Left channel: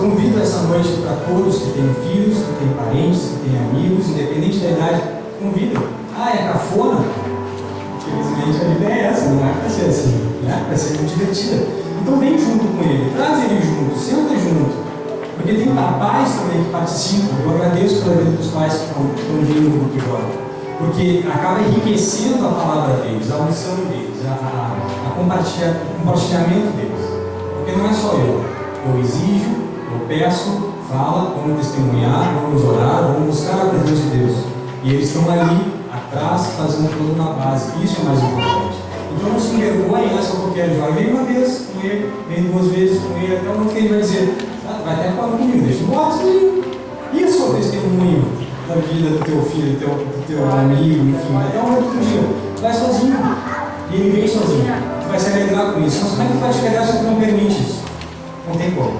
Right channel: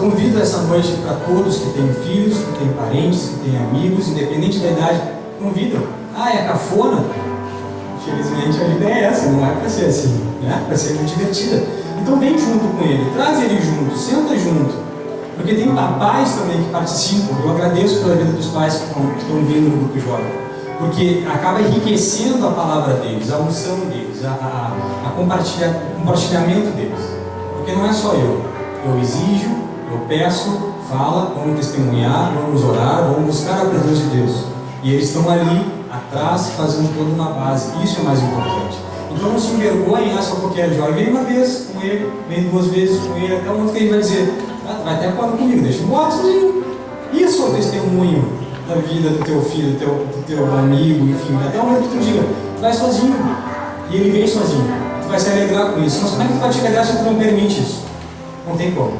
eu convido essa noite para todos que têm filhos, que têm parentes, que têm amigos, independente da idade, convidam. Ah, é cafona? Infelizmente a ideia é essa, não é para ser assim, né? Para ser muito divertida. Então vem junto com ele, traz ele junto, senta junto. Porque tem pais também que participam. Eu agradeço pela vida dos pais que estão vindo no grupo jovem. Porque acaba enriquecendo a palavra deles, a unção deles, o compartilhamento deles. Porque não é só eu exijo, eu peço, fala, vamos testemunhar, vamos orar, vamos buscar a presença de Deus. E eles estão ali atrás, fazendo tudo na base. Isso é mais importante. Então não se envergonhem, só porque é jovem. Vem uma vez com ele, vem duas vezes com ele, até o momento que ele vai dizer: vai até quando comigo, deixa eu embora sozinho. Isso é o testemunho da vida do teu filho, do teu amigo, enfim. Até o momento que tu diga: vai sozinho. E ele vem sozinho. Tu vai se alegrar com isso. Mas como é que tu vai te alegrar se tu não permite isso? Não tem como.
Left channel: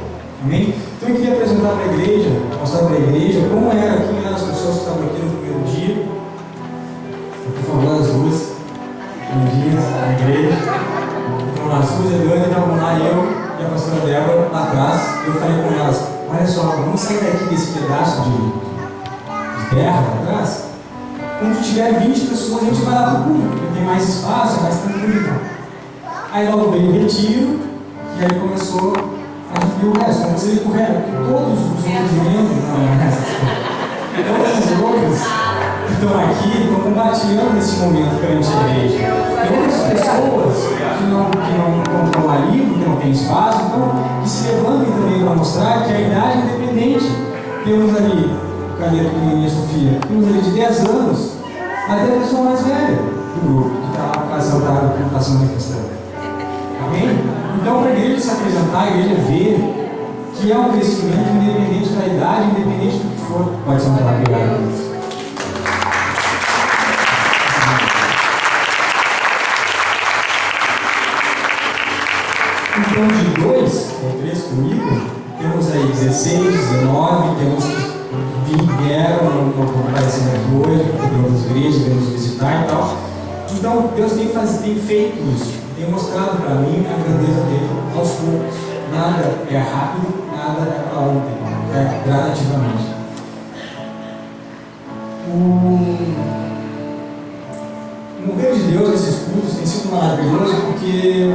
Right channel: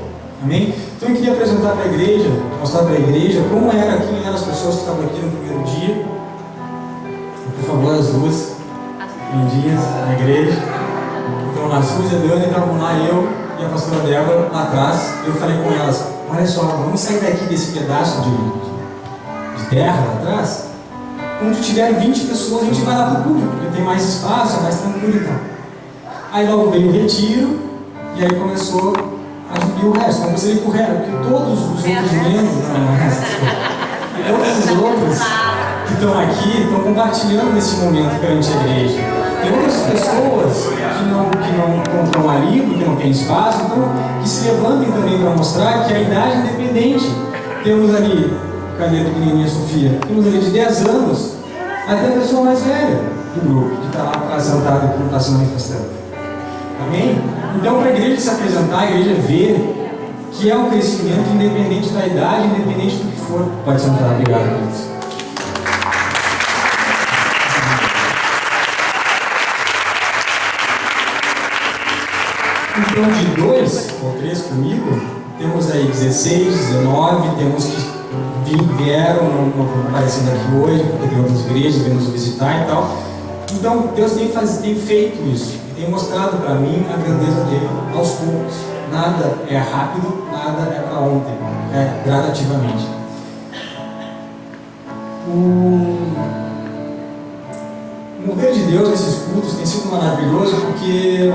Amém? Então eu queria apresentar para a igreja, mostrar para a igreja como era, quem eram as pessoas que estavam aqui no primeiro dia. Por favor, as duas lindinhas na igreja. Então lá, a Suzy, a Dani, estavam lá, eu e a pastora Débora lá atrás. Eu falei com elas: olha só, vamos sair daqui desse pedaço de terra lá atrás. Quando tiver 20 pessoas, a gente vai lá para o público, porque tem mais espaço, é mais tranquilo. Então. Aí logo veio o retiro, e aí começou a subir o resto. Vamos ir para o resto, porque todos os outros membros, todos os outros que estão aqui estão compartilhando nesse momento perante a igreja. Tem outras pessoas que não estão ali, porque não tem espaço, então que se levantem também para mostrar que a idade é independente. Temos ali, cadê a pequenininha Sofia? Temos ali de 10 anos até a pessoa mais velha do grupo, que está lá sentada e está se manifestando. Amém? Então, para a igreja se apresentar, a igreja ver que é um crescimento independente da idade, independente do que for. Pode sentar, obrigado a todos. Então, de 2 ou 3 comigo, temos aí 16, 19, temos que vieram, não aparecendo aqui hoje, porque tem outras igrejas, vêm nos visitar e tal. Então, Deus tem feito isso, tem mostrado para mim a grandeza dele aos poucos. Nada é rápido, nada é para ontem, é gradativamente. O mover de Deus nesses cultos tem sido maravilhoso porque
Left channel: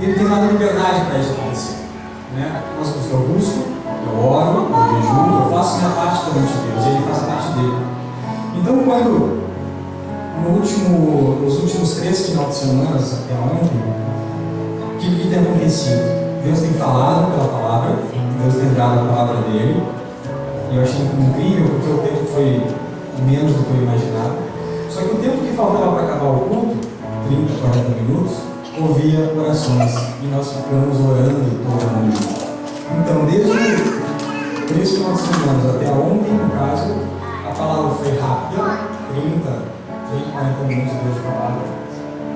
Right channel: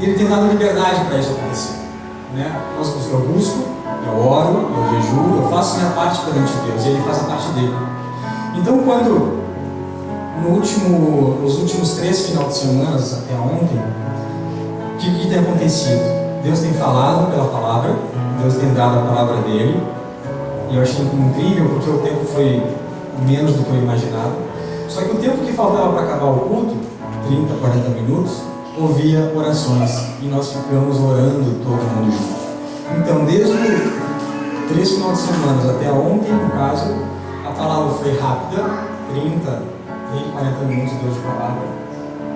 Ele tem dado liberdade para isso acontecer. Eu busco, eu oro, eu jejuo, eu faço a minha parte perante Deus e Ele faz a parte dele. Então, quando nos últimos 3 finais de semana até ontem, o que tem acontecido? Deus tem falado pela palavra, Deus tem dado a palavra dele, e eu achei incrível porque o tempo foi menos do que eu imaginava. Só que o tempo que faltava para acabar o culto, 30, 40 minutos, ouvia orações e nós ficamos orando todo mundo junto. Então, desde 3 finais de semana até ontem, no caso, a palavra foi rápida, 30, 40 minutos Deus de palavra,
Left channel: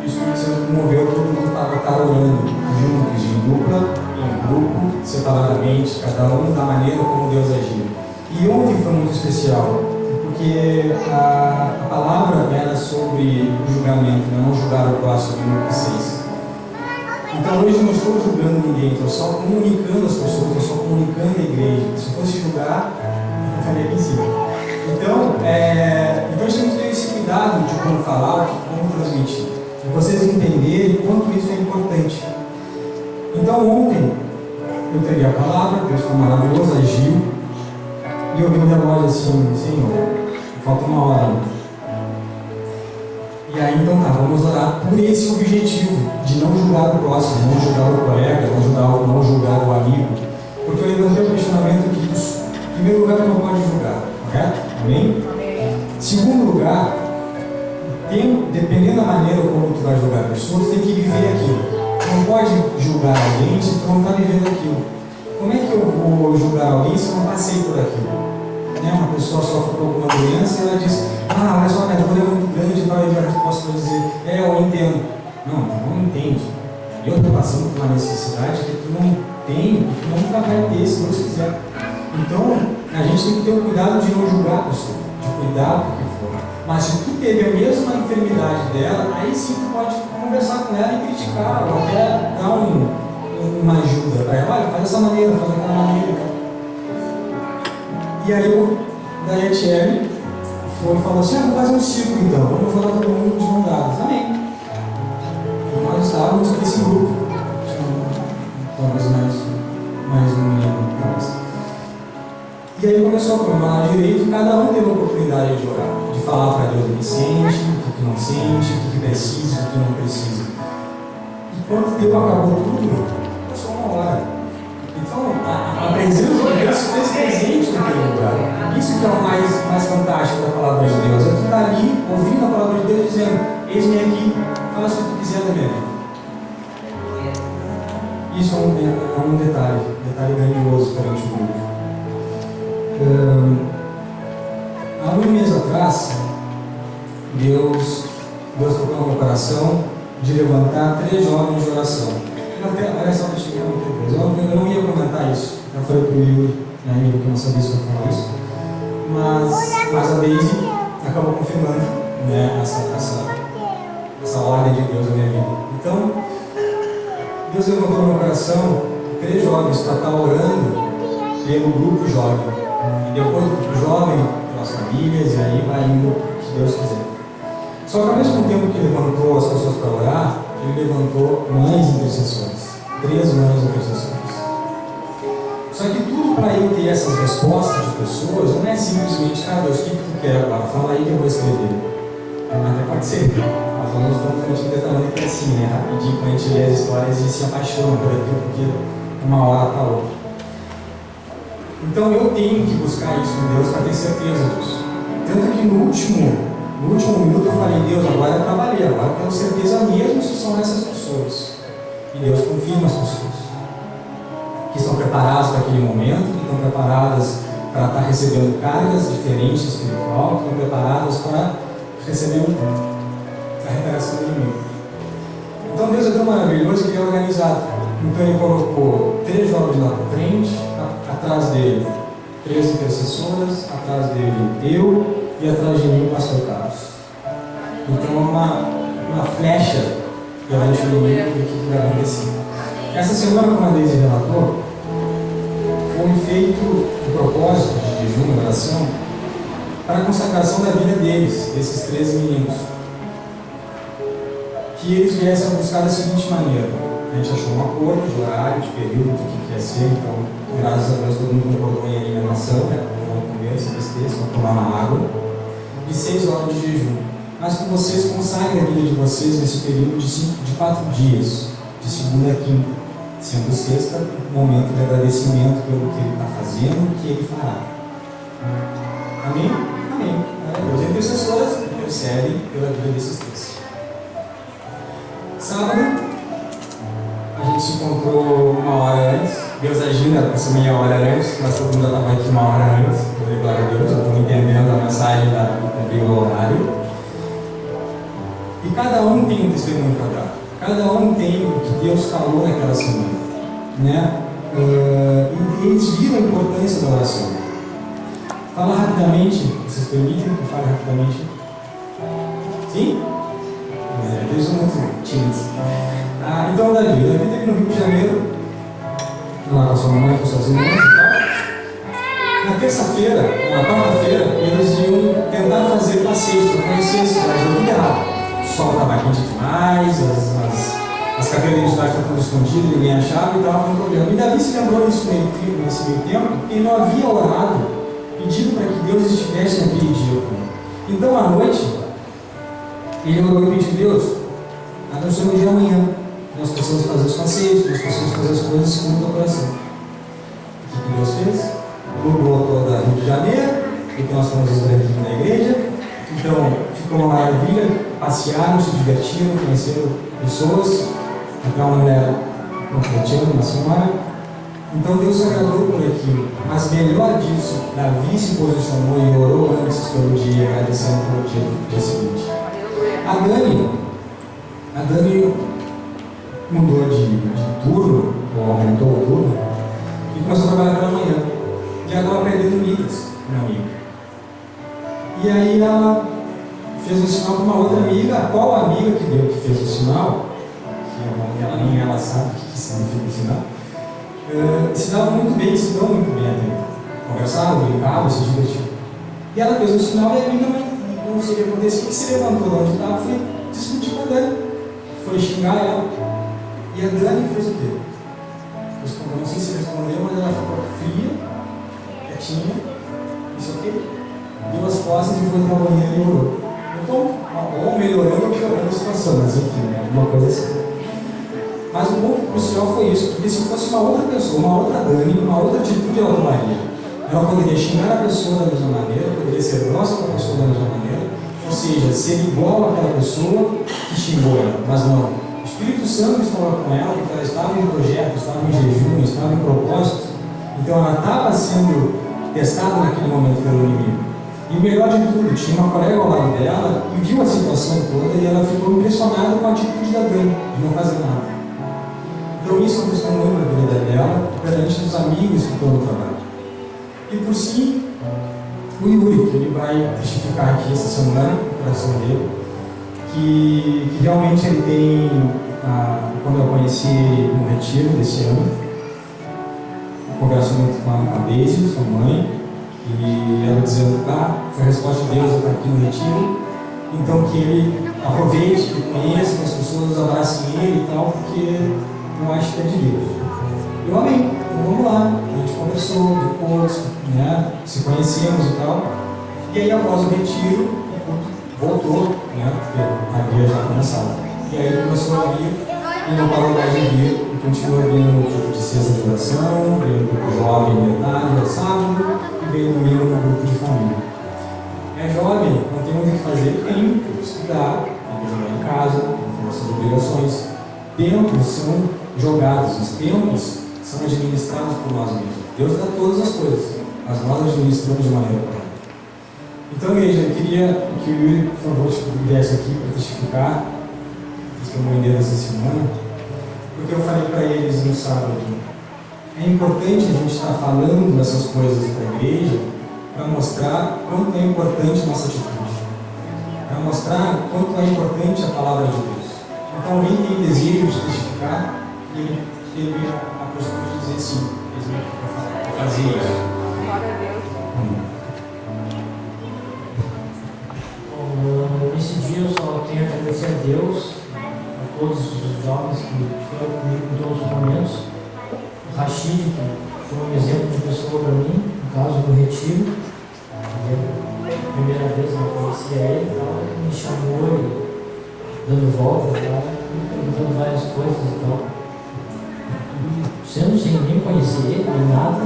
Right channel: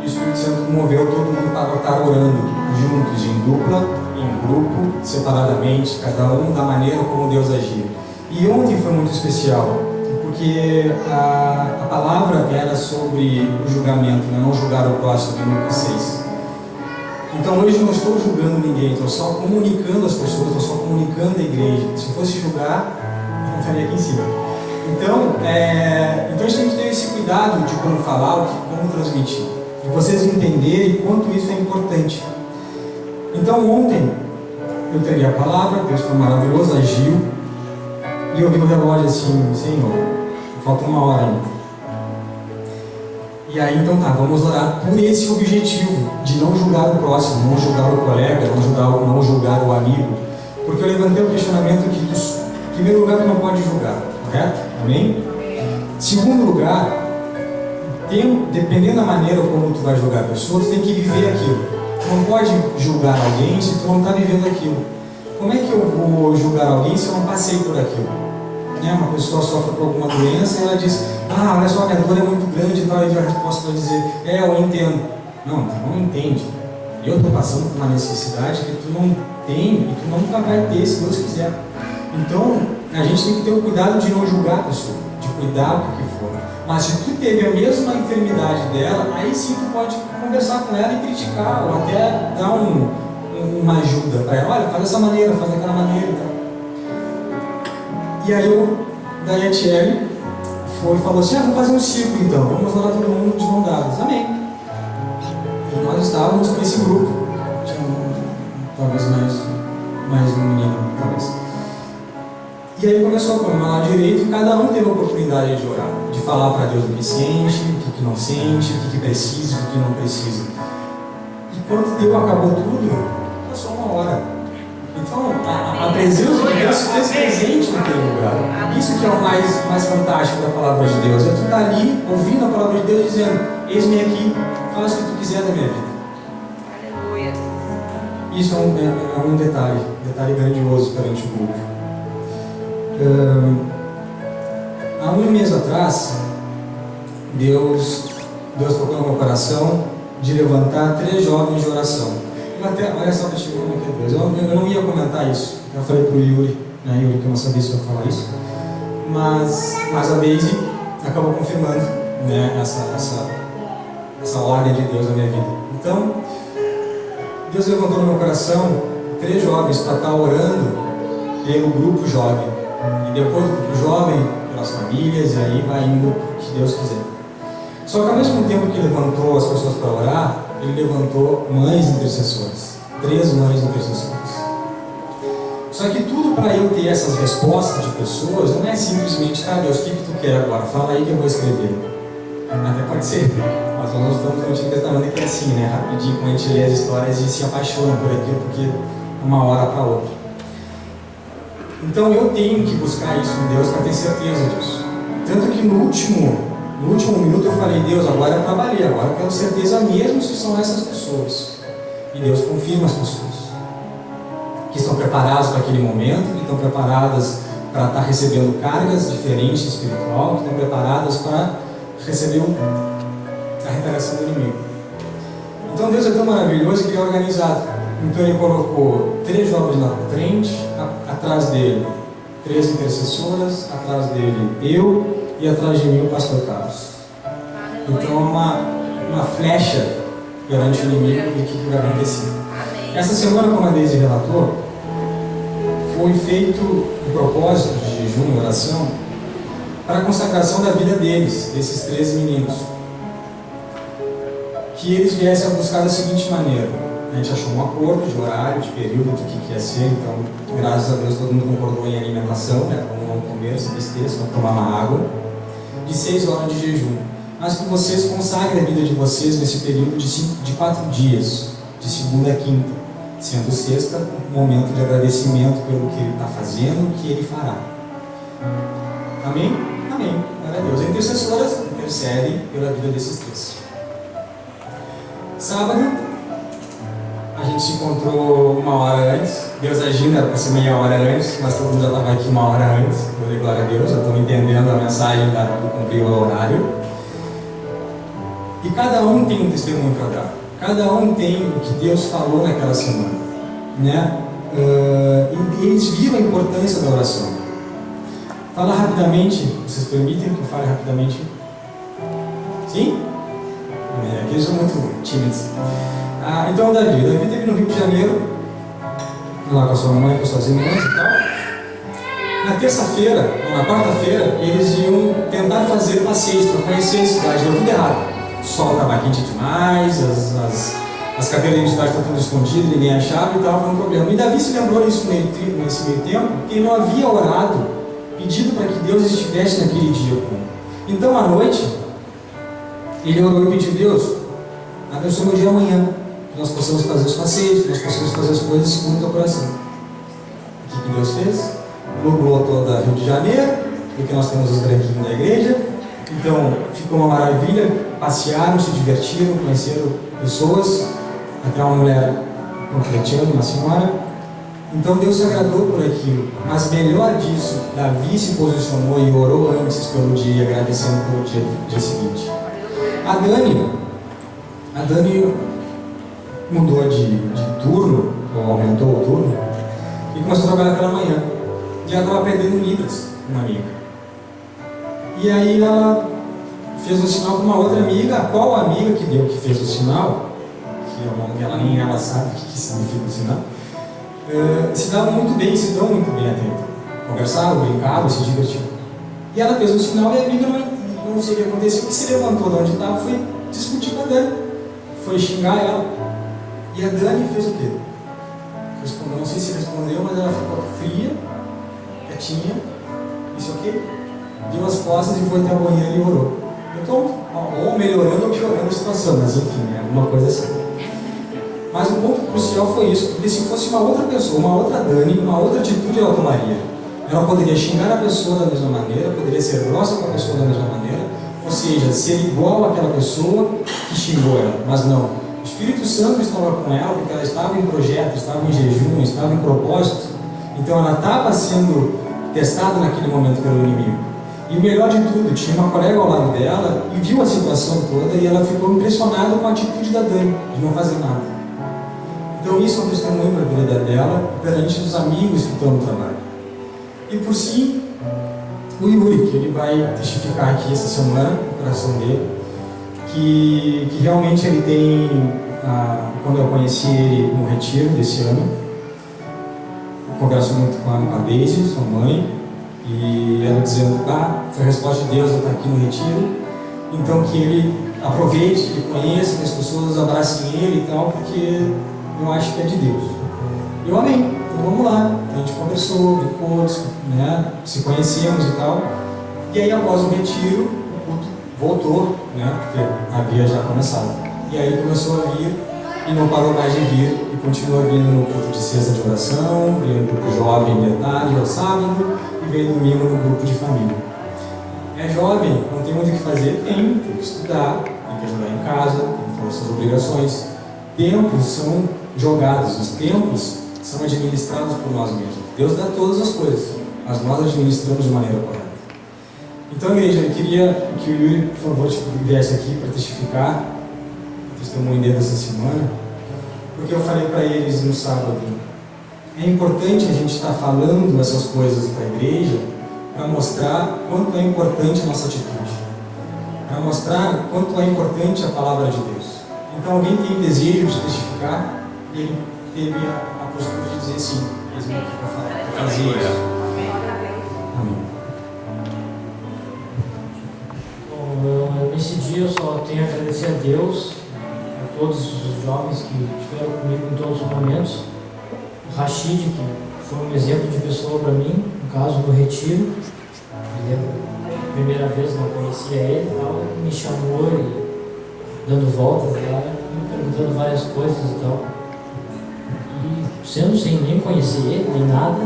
e o Espírito Santo moveu todo mundo para estar orando juntos, em dupla, em grupo, separadamente, cada um da maneira como Deus agia. E ontem foi muito especial, porque a palavra era sobre o julgamento, não julgar o próximo, em Lucas 6. Então hoje não estou julgando ninguém, estou só comunicando as pessoas, estou só comunicando a igreja. Se fosse julgar, eu estaria aqui em cima. Então a gente tem que ter esse cuidado de como falar, como transmitir. E vocês entenderem quanto isso é importante. Então ontem eu entreguei a palavra, Deus foi maravilhoso, agiu. E eu vi no relógio assim: Senhor, falta 1 hora ainda. E aí então vamos orar por esse objetivo de não julgar o próximo, não julgar o colega, não julgar o amigo. Porque eu levantei o questionamento que, em primeiro lugar, tu não pode julgar, correto? Amém? Segundo lugar, dependendo da maneira como tu vai julgar a pessoa, tu tem que viver aquilo. Tu não pode julgar alguém se tu não está vivendo aquilo. Como é que eu vou julgar alguém se eu não passei por aquilo? Uma pessoa sofre por alguma doença e ela diz: olha só, minha dor é muito grande e tal, e a resposta vai dizer: eu entendo. Não, tu não entende. Eu estou passando por uma necessidade que tu não tem e tu nunca vai ter, se Deus quiser. Então, a gente tem que ter o cuidado de não julgar a pessoa, de cuidar do que for. Mas se tu teve a mesma enfermidade dela, aí sim tu pode conversar com ela e criticar, ou até dar um uma ajuda para ela. Olha, faz dessa maneira, faz daquela maneira. E aí daí a Thierry falou assim, vamos fazer um círculo então, vamos lá todo mundo de mão dadas. Amém. E nós estávamos nesse grupo. Tinha talvez mais um menino. E aí começou a comer lado direito e cada um teve a oportunidade de orar, de falar para Deus o que sente, o que não sente, o que precisa, o que não precisa. E quando Deus acabou tudo, passou uma hora. Então, a presença de Deus se fez presente naquele lugar. Isso que é o mais fantástico da palavra de Deus. É tu estar ali, ouvindo a palavra de Deus, dizendo, eis-me aqui, faça o que tu quiser da minha vida. Isso é um detalhe grandioso perante o público. Há um mês atrás, Deus tocou no meu coração de levantar 3 jovens de oração. Olha só que chegou no Deus. Eu não ia comentar isso. Eu falei para o Yuri, Yuri, que eu não sabia se eu ia falar isso. Mas a Daisy acabou confirmando, né, essa ordem de Deus na minha vida. Então, Deus levantou no meu coração 3 jovens para estar orando pelo grupo jovem. E depois do grupo jovem, pelas famílias, e aí vai indo o que Deus quiser. Só que ao mesmo tempo que ele levantou as pessoas para orar, ele levantou mães intercessoras. 3 mães intercessoras. Só que tudo para eu ter essas respostas de pessoas não é simplesmente, Deus, o que tu quer agora? Fala aí que eu vou escrever. Até pode ser. Mas nós estamos no Antigo Testamento que é assim, né? Rapidinho, quando a gente lê as histórias e se apaixona por aquilo, porque uma hora para outra. Então eu tenho que buscar isso em Deus para ter certeza disso. Tanto que no último minuto eu falei, Deus, agora eu trabalhei, agora eu tenho certeza mesmo se são essas pessoas. E Deus confirma as pessoas que estão preparadas para aquele momento, que estão preparadas para estar recebendo cargas diferentes espiritual, que estão preparadas para receber a reparação do inimigo. Então Deus é tão maravilhoso que ele é organizado. Então ele colocou 3 jovens na frente, atrás dele 3 intercessoras, atrás dele eu e atrás de mim o pastor Carlos. Então uma flecha perante o inimigo do que vai acontecer. Essa semana, como a Deise relatou, foi feito um propósito de jejum e oração para a consagração da vida deles, desses 13 meninos. Que eles viessem a buscar da seguinte maneira. A gente achou um acordo de horário, de período, do que ia ser, então, graças a Deus, todo mundo concordou em alimentação, né? Não vão comer, se besteira, só tomar uma água, de 6 horas de jejum. Mas que vocês consagrem a vida de vocês nesse período de 4 dias, de segunda a quinta, sendo sexta um momento de agradecimento pelo que ele está fazendo, o que ele fará. Amém? Amém. Deus. As intercessoras intercedem pela vida desses 3. Sábado, a gente se encontrou 1 hora antes. Deus agindo, era para ser meia hora antes, mas todo mundo já estava aqui 1 hora antes. Eu dei glória a Deus, já estou entendendo a mensagem do cumprir o horário. E cada um tem um testemunho para dar. Cada um tem o que Deus falou naquela semana, né? E eles viram a importância da oração. Fala rapidamente, vocês permitem que eu fale rapidamente? Sim? Eles são muito tímidos. Então Davi teve no Rio de Janeiro, lá com a sua mãe, com suas irmãs e tal. Na terça-feira, na quarta-feira, eles iam tentar fazer passeios para conhecer a cidade. Deu tudo errado. O sol estava quente demais, as carteiras de identidade estavam tudo escondidas, ninguém achava e estava com um problema. E Davi se lembrou disso nesse meio tempo, porque ele não havia orado, pedindo para que Deus estivesse naquele dia com ele. Então, à noite, ele orou e pediu: Deus, abençoe o dia amanhã, que nós possamos fazer os passeios, que nós possamos fazer as coisas segundo o teu coração. O que Deus fez? Nublou toda Rio de Janeiro, porque nós temos os branquinhos da igreja. Então, ficou uma maravilha, passearam, se divertiram, conheceram pessoas, até uma mulher confletindo, uma senhora. Então Deus se agradou por aquilo, mas melhor disso, Davi se posicionou e orou antes pelo dia, agradecendo pelo dia seguinte. A Dani mudou de turno, ou aumentou o turno, e começou a trabalhar pela manhã. E ela estava aprendendo Libras, uma amiga. E aí ela fez o sinal com uma outra amiga. Qual amiga que fez o sinal, que é nem ela sabe o que significa ensinar, se davam muito bem, se dão muito bem até. Conversavam, brincavam, se divertiam. E ela fez um sinal e a amiga não sei o que aconteceu, que se levantou de onde estava, foi discutir com a Dani, foi xingar ela. E a Dani fez o quê? Respondeu, não sei se respondeu, mas ela ficou fria, quietinha, isso aqui, deu as costas e foi até a banheira e orou. Então, ou melhorando ou piorando a situação, mas enfim, é alguma coisa assim. Mas o ponto crucial foi isso, porque se fosse uma outra pessoa, uma outra Dani, uma outra atitude ela tomaria. Ela poderia xingar a pessoa da mesma maneira, poderia ser grossa com a pessoa da mesma maneira, ou seja, ser igual àquela pessoa que xingou ela, mas não. O Espírito Santo estava com ela, porque ela estava em projeto, estava em jejum, estava em propósito, então ela estava sendo testada naquele momento pelo inimigo. E o melhor de tudo, tinha uma colega ao lado dela e viu a situação toda e ela ficou impressionada com a atitude da Dani, de não fazer nada. Então isso é um testemunho na vida dela, perante os amigos que estão no trabalho. E por si, o Yuri, que ele vai testificar aqui essa semana, no coração dele, que realmente ele tem, quando eu conheci ele no retiro desse ano, eu converso muito com a Daisy, sua mãe, e ela dizendo, foi a resposta de Deus, eu estou aqui no retiro, então que ele aproveite, que conheça, que as pessoas abracem ele e tal, porque eu acho que é de Deus. Eu amei, então vamos lá, a gente conversou depois, né, se conhecemos e tal, e aí após o retiro, o culto voltou, né, porque havia já começado. E aí ele começou a vir e não parou mais de vir, e continua vindo no culto de sexta de oração, veio no grupo jovem de tarde ao sábado, e veio domingo no grupo de família. É jovem, não tem muito o que fazer, tem que estudar, tem que ajudar em casa, tem que fazer suas obrigações. Tempos são jogados, os tempos são administrados por nós mesmos. Deus dá todas as coisas, mas nós administramos de maneira correta. Então, igreja, eu queria que o Yuri, por favor, viesse aqui para testificar o testemunho dele essa semana, porque eu falei para eles no sábado, é importante a gente estar falando essas coisas para a igreja para mostrar quanto é importante a nossa atitude, para mostrar quanto é importante a palavra de Deus. Então, alguém tem desejo de testificar, e ele teve a postura de dizer sim, eles vêm aqui para fazer isso. Amém. Bom, nesse dia eu só tenho a agradecer a Deus, a todos os jovens que estiveram comigo em todos os momentos. O Rashid, que foi um exemplo de pessoa para mim, no caso no retiro. A primeira vez eu não conhecia ele, ele me chamou e dando voltas lá, me perguntando várias coisas e tal. E sendo sem nem conhecer ele, nem nada,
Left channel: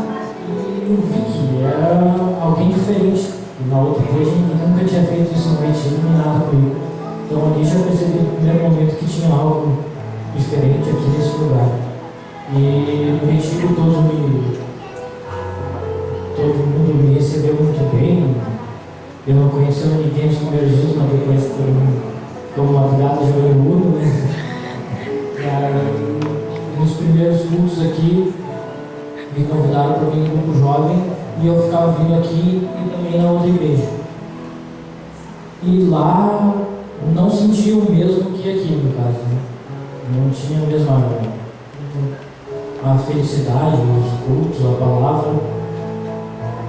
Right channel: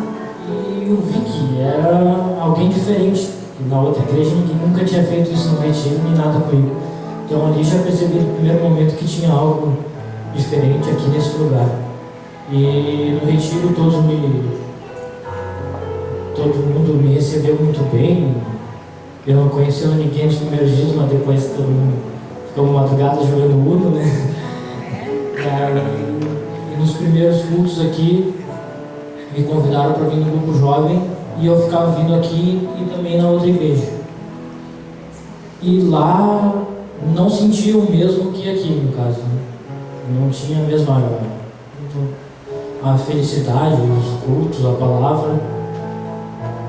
e eu vi que era alguém diferente. E na outra igreja ninguém nunca tinha feito isso no retiro, nem nada comigo. Então ali já percebi no primeiro momento que tinha algo diferente aqui nesse lugar. E no retiro todo mundo me recebeu muito bem. Eu não conhecia ninguém nos primeiros dias, mas depois todo mundo ficou madrugada jogando Uno, né? E nos primeiros cultos aqui, me convidaram para vir no grupo jovem e eu ficava vindo aqui e também na outra igreja. E lá não sentia o mesmo que aqui, no caso, né? Não tinha a mesma a felicidade, os cultos, a palavra.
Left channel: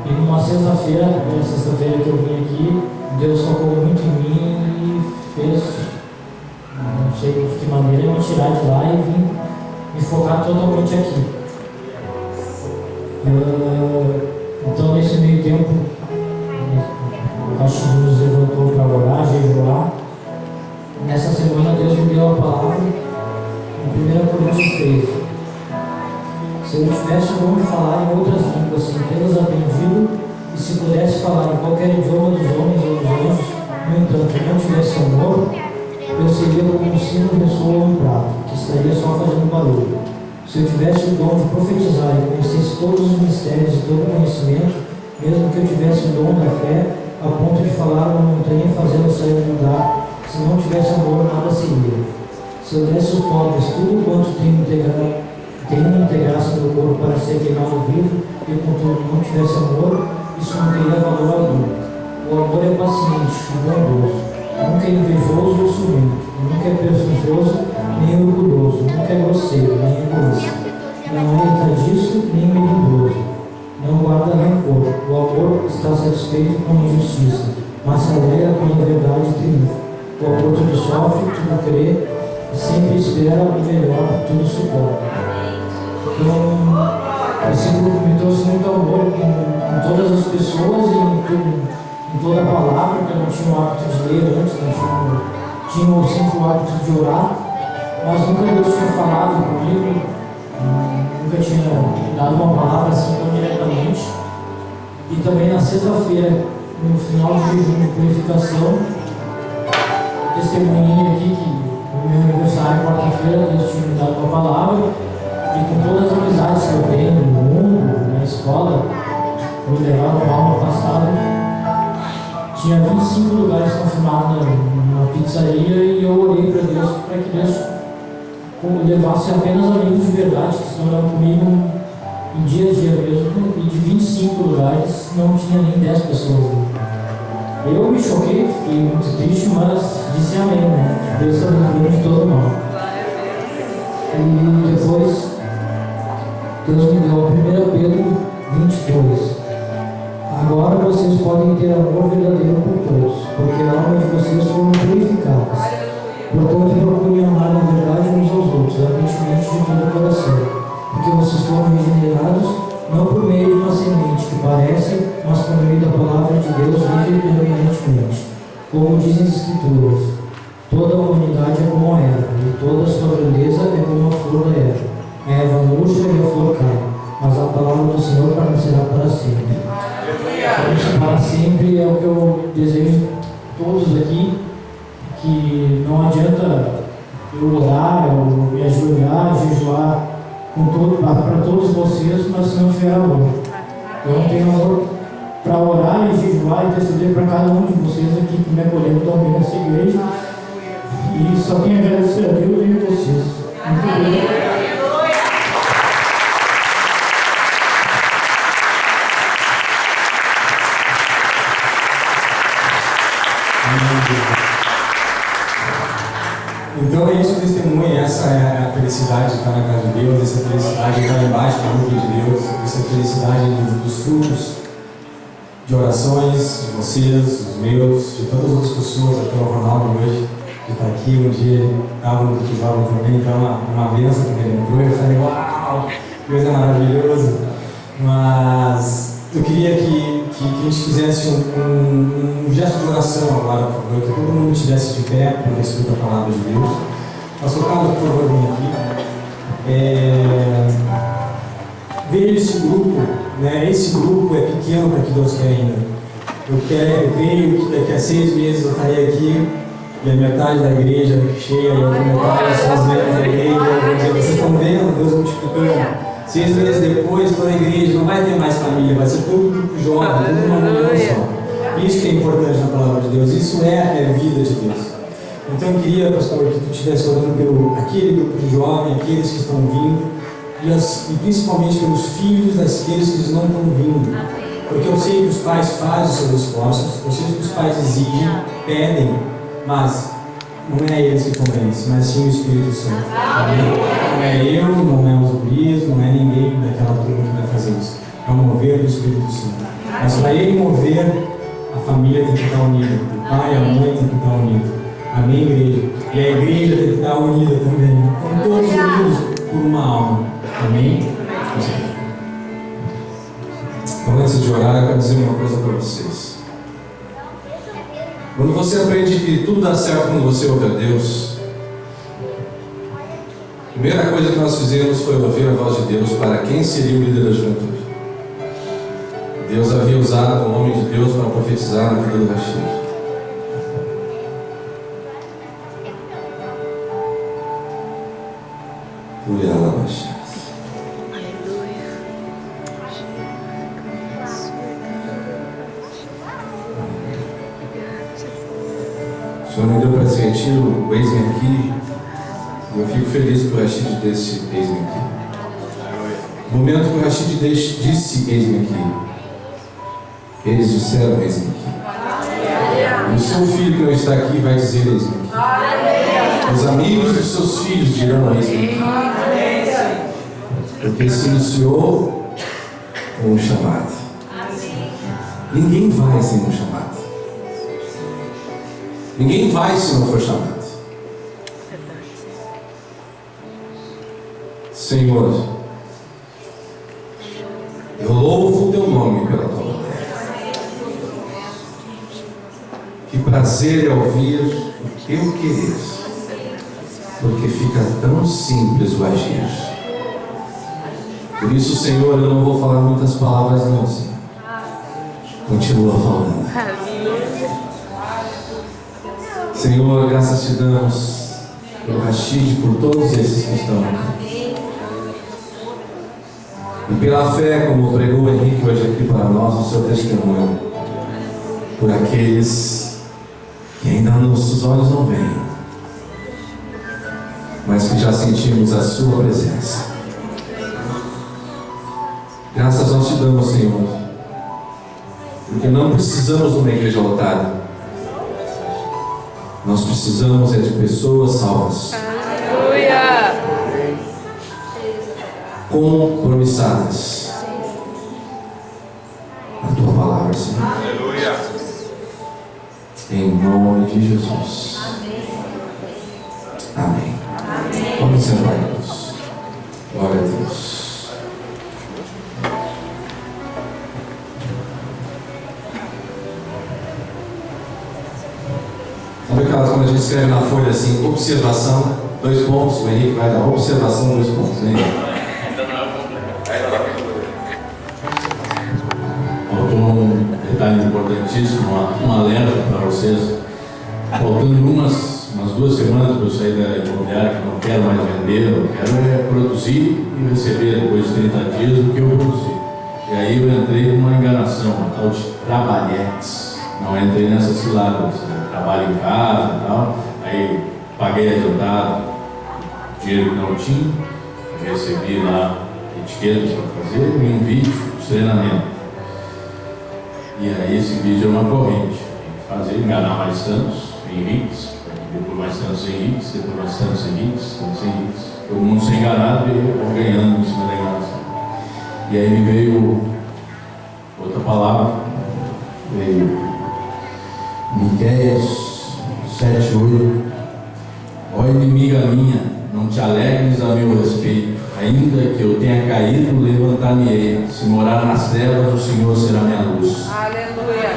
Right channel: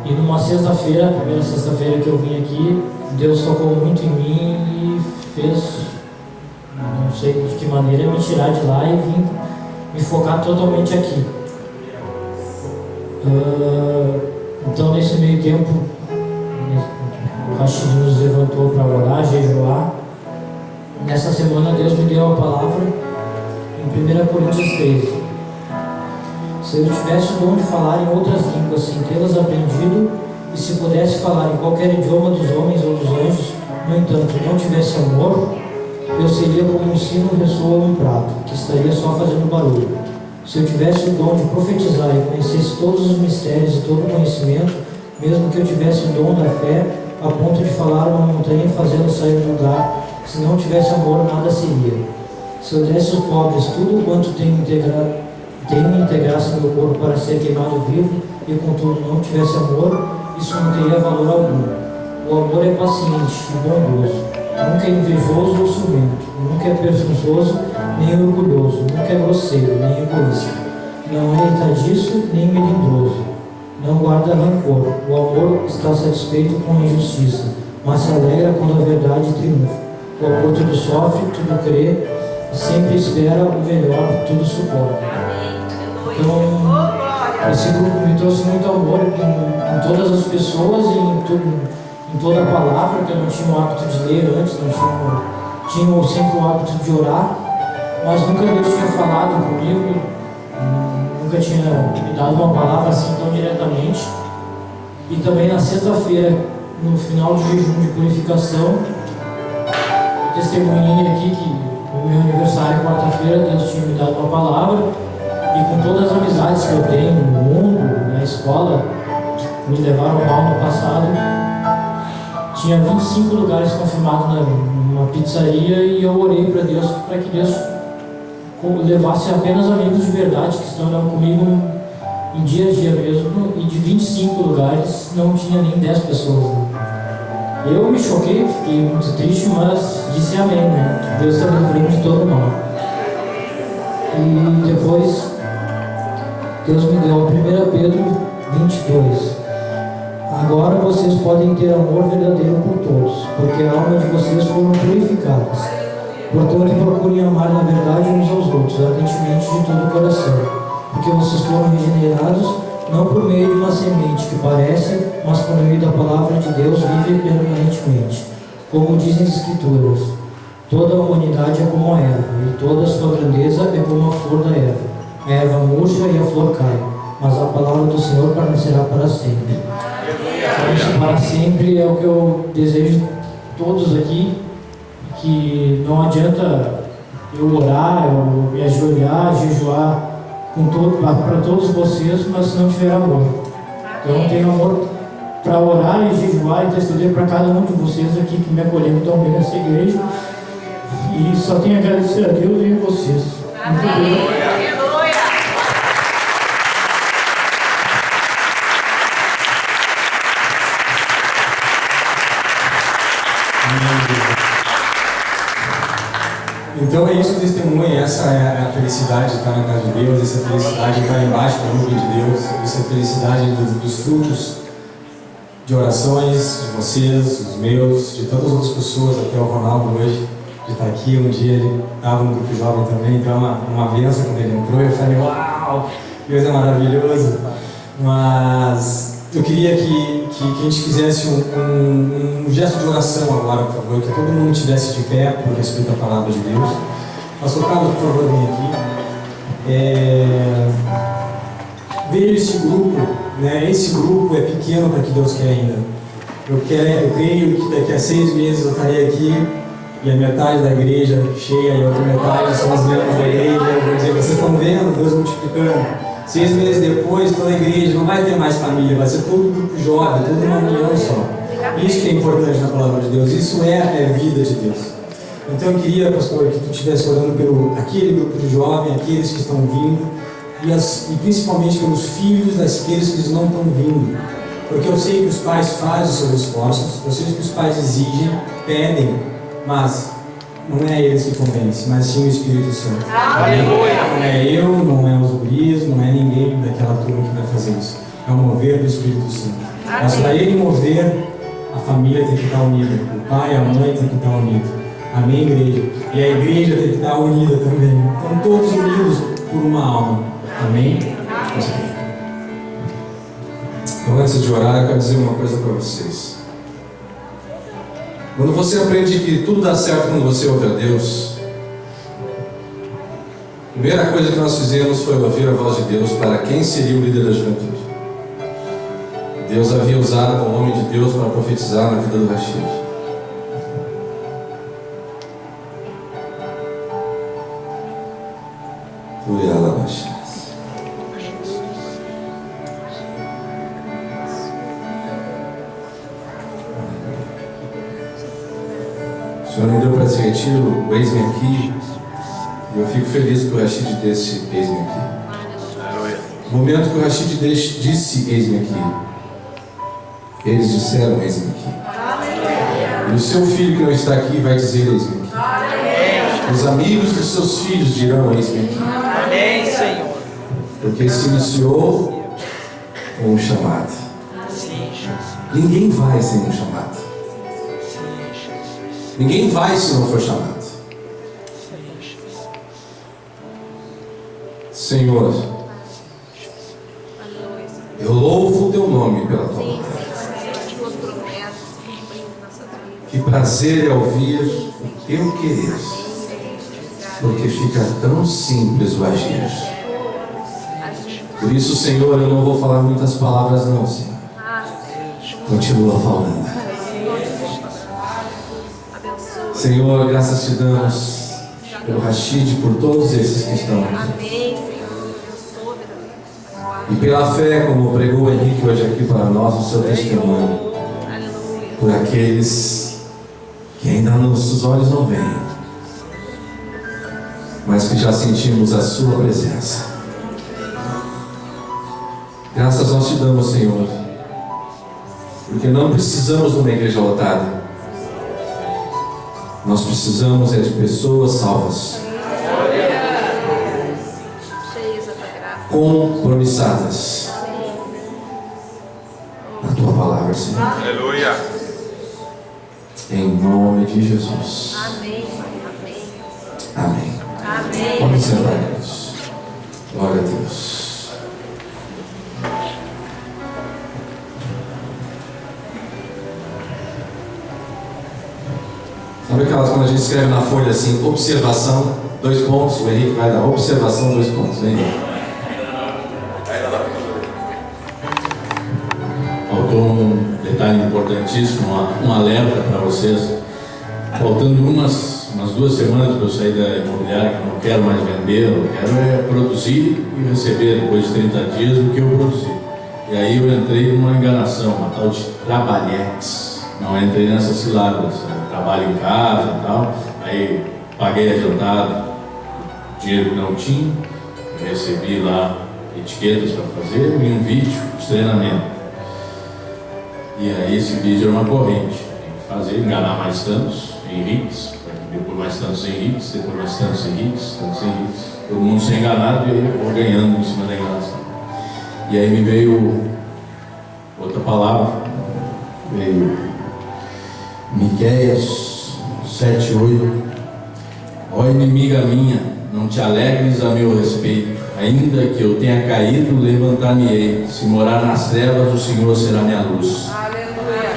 E numa sexta-feira, a primeira sexta-feira que eu vim aqui, Deus tocou muito em mim e fez, não sei de que maneira, me tirar de lá e vim me focar totalmente aqui. Então, nesse meio tempo, o Rashid nos levantou para orar, jejuar. Nessa semana, Deus me deu a palavra em 1 Coríntios 13. Se eu tivesse o dom de falar em outras línguas sem tê-las aprendido, e se pudesse falar em qualquer idioma dos homens ou dos anjos, no entanto, não tivesse amor, eu seria como um sino, ressoa ou um prato, que estaria só fazendo barulho. Se eu tivesse o dom de profetizar e conhecesse todos os mistérios e todo o conhecimento, mesmo que eu tivesse o dom da fé, a ponto de falar a uma montanha e fazê-la sair do lugar, se não tivesse amor, nada seria. Se eu desse aos pobres tudo quanto tenho integrasse meu corpo para ser queimado vivo, e contudo não tivesse amor, isso não teria valor algum. O amor é paciente e bondoso, nunca é invejoso ou ciumento, nunca é presunçoso, nem orgulhoso, nunca é grosseiro, nem egoísta. Não é irritadiço, nem melindroso. Não guarda rancor. O amor está satisfeito com a injustiça, mas se alegra quando a verdade triunfa. O amor tudo sofre, tudo crê, sempre espera o melhor, tudo suporta. Então, esse grupo me trouxe muito amor em todas as pessoas e em toda a palavra, que eu não tinha o hábito de ler antes, tinha sempre o hábito de orar, mas nunca Deus tinha falado comigo, nunca tinha me dado uma palavra assim tão diretamente. E também na sexta-feira, no final do jejum de purificação, testemunhei aqui que no meu aniversário, quarta-feira, Deus tinha me dado uma palavra, e com todas as amizades que eu tenho no mundo, na escola, me levaram mal no passado, tinha 25 lugares confirmados numa pizzaria, e eu orei para Deus, para que Deus levasse apenas amigos de verdade, que estão comigo em dia a dia mesmo, e de 25 lugares não tinha nem 10 pessoas. Eu me choquei, fiquei muito triste, mas disse amém, né? Deus está me livrando de todo mal. E depois, Deus me deu a 1 Pedro 22. Agora vocês podem ter amor verdadeiro por todos, porque a alma de vocês foram purificadas. Portanto, procurem amar na verdade uns aos outros, ardentemente de todo o coração, porque vocês foram regenerados, não por meio de uma semente que parece, mas por meio da palavra de Deus vive permanentemente. Como dizem as Escrituras, toda a humanidade é como a erva, e toda a sua grandeza é como a flor da erva. A erva murcha e a flor cai, mas a palavra do Senhor permanecerá para sempre. Isso para sempre é o que eu desejo todos aqui, que não adianta eu orar, eu me ajoelhar, jejuar para todos vocês, mas se não tiver amor. Então eu tenho amor para orar e jejuar e interceder para cada um de vocês aqui que me acolheram tão bem nessa igreja, e só tenho a agradecer a Deus e a vocês. Muito obrigado. Então é isso o testemunho, essa é a felicidade de estar na casa de Deus, essa felicidade de estar embaixo da nuvem de Deus, essa felicidade dos frutos de orações de vocês, dos meus, de todas as outras pessoas, até o Ronaldo hoje, de estar aqui. Um dia ele estava no grupo jovem também, então é uma bênção quando ele entrou. Eu falei, uau, Deus é maravilhoso. Mas eu queria que a gente fizesse um gesto de oração agora, por favor, que todo mundo estivesse de pé por respeito à palavra de Deus. Pastor Carlos, por favor, vem aqui. Veja esse grupo, né? Esse grupo é pequeno para que Deus quer ainda. Eu creio que daqui a 6 meses eu estarei aqui e a metade da igreja cheia e a outra metade são os membros da igreja. Eu vou dizer, vocês estão vendo Deus multiplicando. 6 meses depois, toda a igreja não vai ter mais família, vai ser todo grupo jovem, toda uma união só. Isso que é importante na palavra de Deus, isso é a vida de Deus. Então eu queria, pastor, que tu estivesse orando pelo aquele grupo de jovens, aqueles que estão vindo, e principalmente pelos filhos daqueles que não estão vindo. Porque eu sei que os pais fazem os seus esforços, eu sei que os pais exigem, pedem, mas não é eles que convencem, mas sim o Espírito Santo. Não é eu, não é os guris, não é ninguém daquela turma que vai fazer isso. É o mover do Espírito Santo. Mas para ele mover, a família tem que estar unida. O pai e a mãe tem que estar unidos. Amém, igreja? E a igreja tem que estar unida também. Então todos unidos por uma alma. Amém? Então, antes de orar, eu quero dizer uma coisa para vocês. Quando você aprende que tudo dá certo quando você ouve a Deus, a primeira coisa que nós fizemos foi ouvir a voz de Deus para quem seria o líder da juventude. Deus havia usado um homem de Deus para profetizar na vida do Rashid. O Senhor me deu para esse retiro o Eis-me Aqui, e eu fico feliz que o Rashid disse Eis-me Aqui. No momento que o Rashid disse Eis-me Aqui, eles disseram Eis-me Aqui. E o seu filho que não está aqui vai dizer Eis-me Aqui. Os amigos dos seus filhos dirão isso. Amém, Senhor. Porque se iniciou com um chamado. Ninguém vai sem um chamado. Ninguém vai se não for chamado. Senhor, eu louvo o teu nome pela tua glória. Que prazer é ouvir o teu querer, porque fica tão simples o agir. Por isso, Senhor, eu não vou falar muitas palavras não, Senhor. Continua falando. Senhor, graças te damos pelo Rashid, por todos esses que estão aqui. E pela fé, como pregou o Henrique hoje aqui para nós, o seu testemunho. Por aqueles que ainda nossos olhos não veem, mas que já sentimos a sua presença. Graças nós te damos, Senhor, porque não precisamos de uma igreja lotada. Nós precisamos de pessoas salvas, compromissadas na tua palavra, Senhor. Aleluia. Em nome de Jesus. Amém. Pode sentar, Deus. Glória a Deus. Sabe aquelas quando a gente escreve na folha assim, observação, 2 pontos, o Henrique vai dar observação, 2 pontos, né? Faltou um detalhe importantíssimo, um alerta para vocês. Faltando umas 2 semanas para eu sair da imobiliária, que eu não quero mais vender, eu quero produzir e receber depois de 30 dias o que eu produzi. E aí eu entrei numa enganação, uma tal de trabalhex. Não entrei nessas ciladas, trabalho em casa e tal. Aí paguei adiantado, dinheiro que não tinha, recebi lá etiquetas para fazer e um vídeo de treinamento. E aí esse vídeo é uma corrente, tem que fazer, enganar mais tantos Henriques, depois mais tantos Henriques, depois mais tantos Henriques, todo mundo sem enganado e eu vou ganhando em cima da enganação. E aí me veio outra palavra, veio Miqueias 7:8. Ó inimiga minha, não te alegres a meu respeito, ainda que eu tenha caído, levantar-me-ei. Se morar nas trevas, o Senhor será minha luz. Aleluia.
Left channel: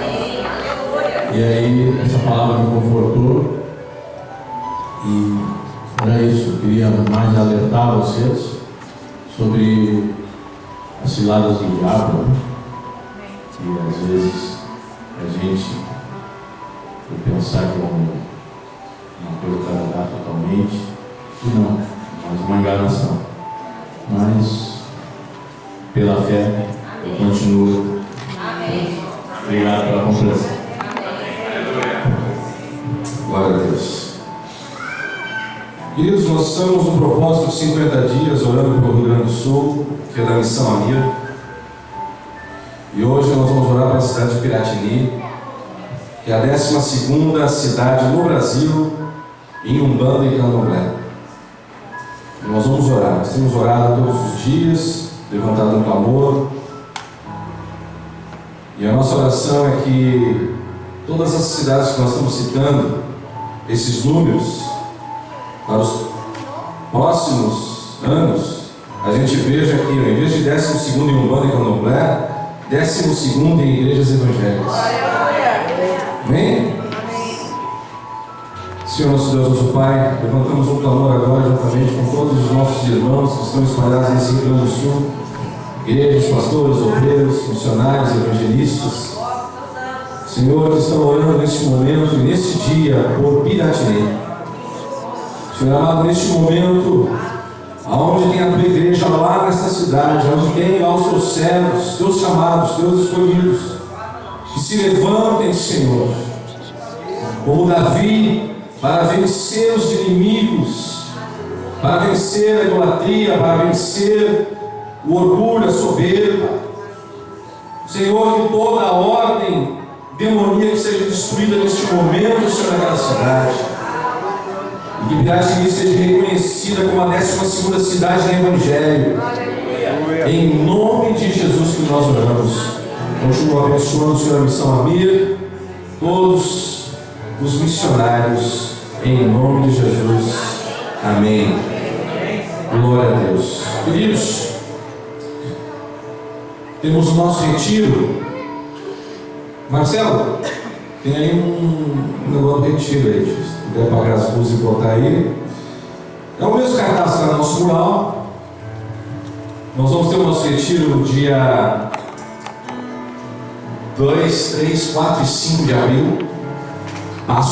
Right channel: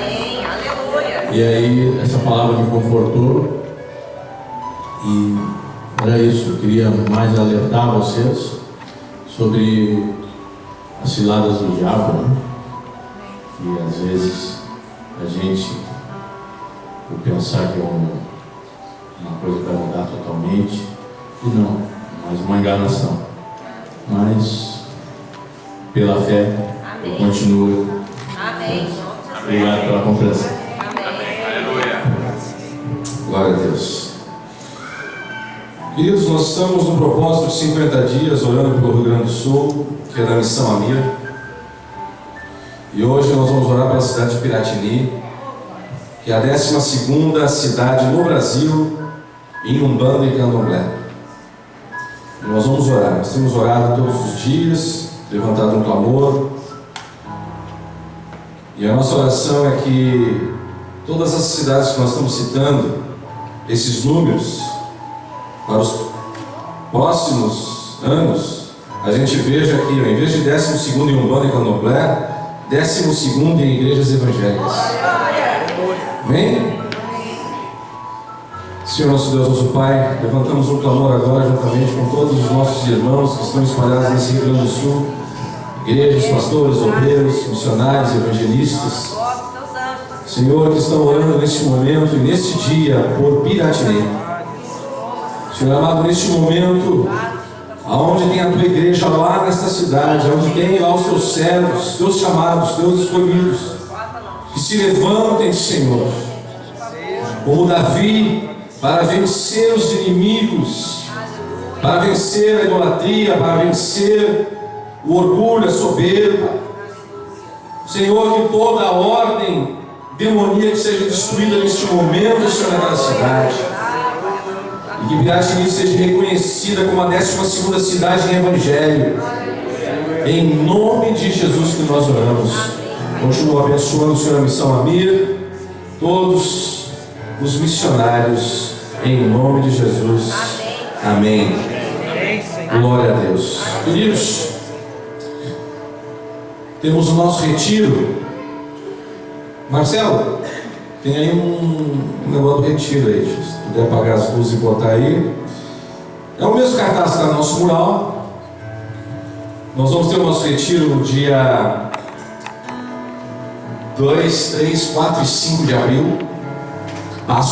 Aleluia. E aí essa palavra me confortou. E era isso, eu queria mais alertar vocês sobre as ciladas do diabo, né? Que às vezes a gente, por pensar que é uma coisa que vai mudar totalmente, e não, mas uma enganação. Mas pela fé eu continuo. Amém. Obrigado pela compreensão. Glória a Deus. Queridos, nós estamos no propósito de 50 dias orando pelo Rio Grande do Sul, que é da Missão Amir. E hoje nós vamos orar pela cidade de Piratini, que é a 12ª cidade no Brasil em Umbanda e Candomblé. E nós vamos orar. Nós temos orado todos os dias, levantado um clamor. E a nossa oração é que todas as cidades que nós estamos citando, esses números, para os próximos anos, a gente veja aqui, em vez de 12º em Umbanda e Candomblé, 12º em igrejas evangélicas. Amém? Senhor nosso Deus, nosso Pai, levantamos um clamor agora juntamente com todos os nossos irmãos que estão espalhados nesse Rio Grande do Sul, igrejas, pastores, obreiros, missionários, evangelistas, Senhor, que estão orando neste momento e neste dia por Piratini. Senhor amado, neste momento, aonde tem a tua igreja lá nesta cidade, onde tem lá os teus servos, teus chamados, teus escolhidos, que se levantem, Senhor, como Davi, para vencer os inimigos, para vencer a idolatria, para vencer o orgulho, a soberba. Senhor, que toda a ordem demoníaca seja destruída neste momento, Senhor, naquela cidade. E que Piratini seja reconhecida como a 12ª cidade em Evangelho. Em nome de Jesus que nós oramos. Continuo abençoando o Senhor a Missão Amir, todos os missionários, em nome de Jesus. Amém. Glória a Deus. Queridos, temos o nosso retiro. Marcelo, tem aí um negócio do retiro aí. Se puder apagar as luzes e botar aí. É o mesmo cartaz que está no nosso mural. Nós vamos ter o nosso retiro no dia 2, 3, 4 e 5 de abril. Passo